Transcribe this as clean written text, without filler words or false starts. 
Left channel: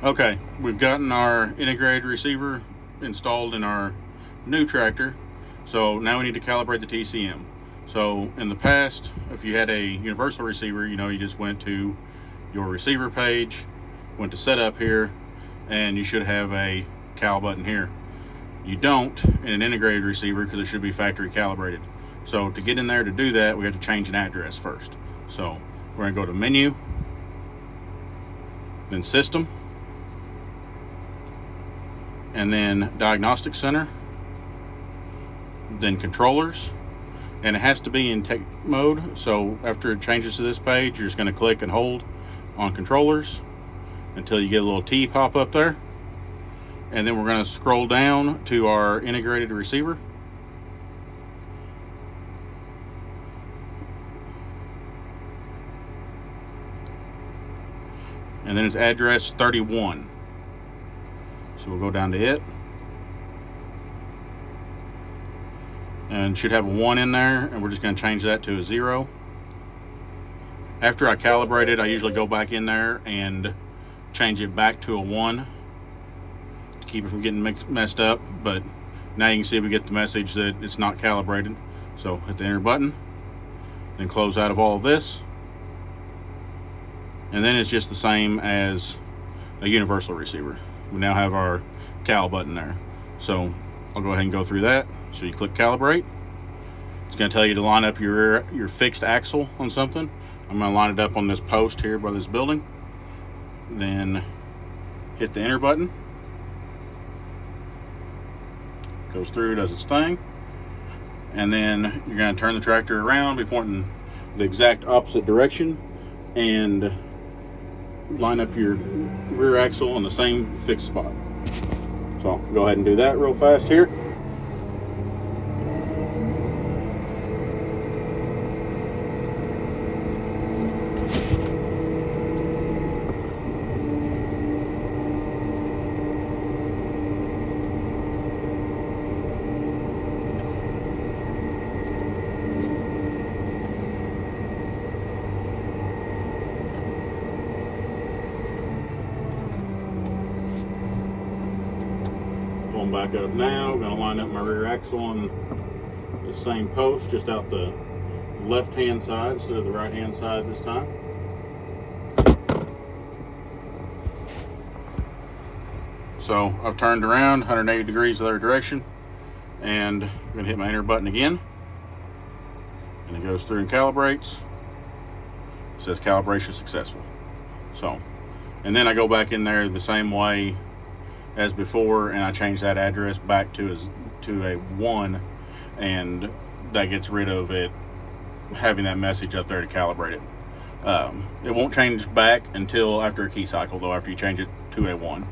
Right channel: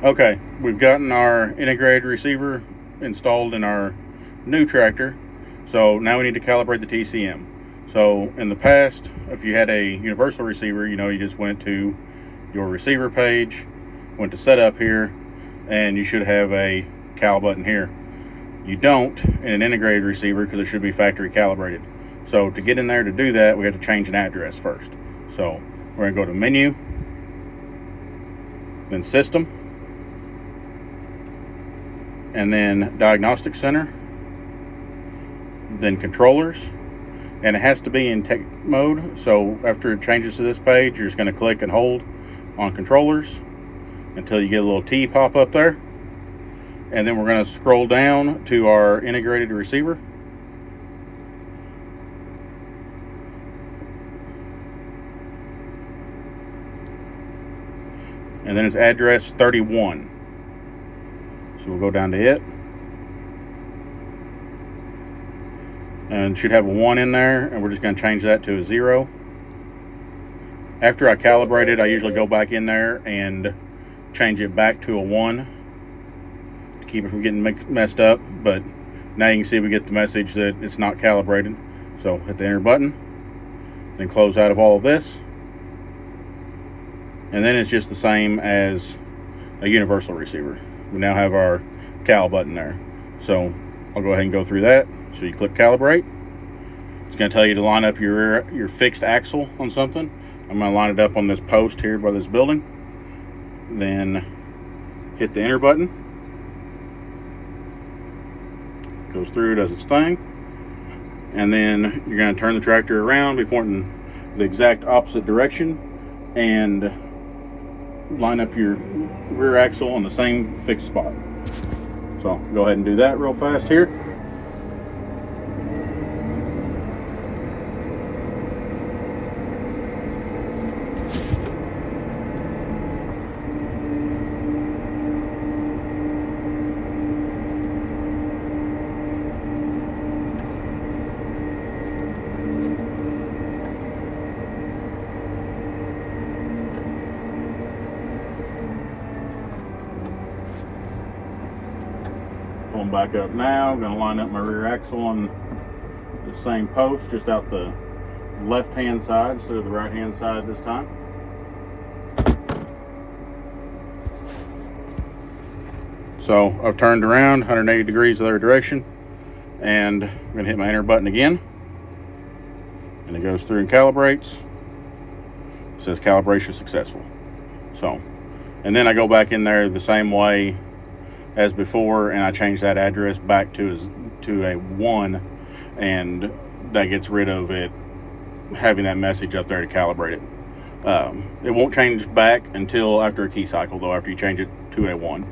Okay, we've gotten our integrated receiver installed in our new tractor. So now we need to calibrate the TCM. So in the past, if you had a universal receiver, you just went to your receiver page, went to setup here, and you should have a cal button here. You don't in an integrated receiver because it should be factory calibrated. So to get in there to do that, we have to change an address first. So we're gonna go to menu, then system, and then diagnostic center, then controllers, and it has to be in tech mode. So after it changes to this page, you're just going to click and hold on controllers until you get a little T pop up there, and then we're going to scroll down to our integrated receiver, and then it's address 31. So we'll go down to it, and should have a 1 in there, and we're just going to change that to a 0. After I calibrate it, I usually go back in there and change it back to a 1 to keep it from getting messed up. But now you can see we get the message that it's not calibrated. So hit the enter button, then close out of all of this, and then it's just the same as a universal receiver. We now have our cal button there. So I'll go ahead and go through that. So you click calibrate. It's going to tell you to line up your fixed axle on something. I'm going to line it up on this post here by this building. Then hit the enter button. Goes through, does its thing. And then you're going to turn the tractor around, be pointing the exact opposite direction, and line up your rear axle on the same fixed spot. So I'll go ahead and do that real fast here. Pulling back up now, going to line up my rear axle on the same post, just out the left hand side instead of the right hand side this time. So I've turned around 180 degrees the other direction, and I'm going to hit my enter button again, and it goes through and calibrates. It says calibration successful. So, and then I go back in there the same way as before, and I change that address back to a 1, and that gets rid of it having that message up there to calibrate it. It won't change back until after a key cycle, though, after you change it to a 1.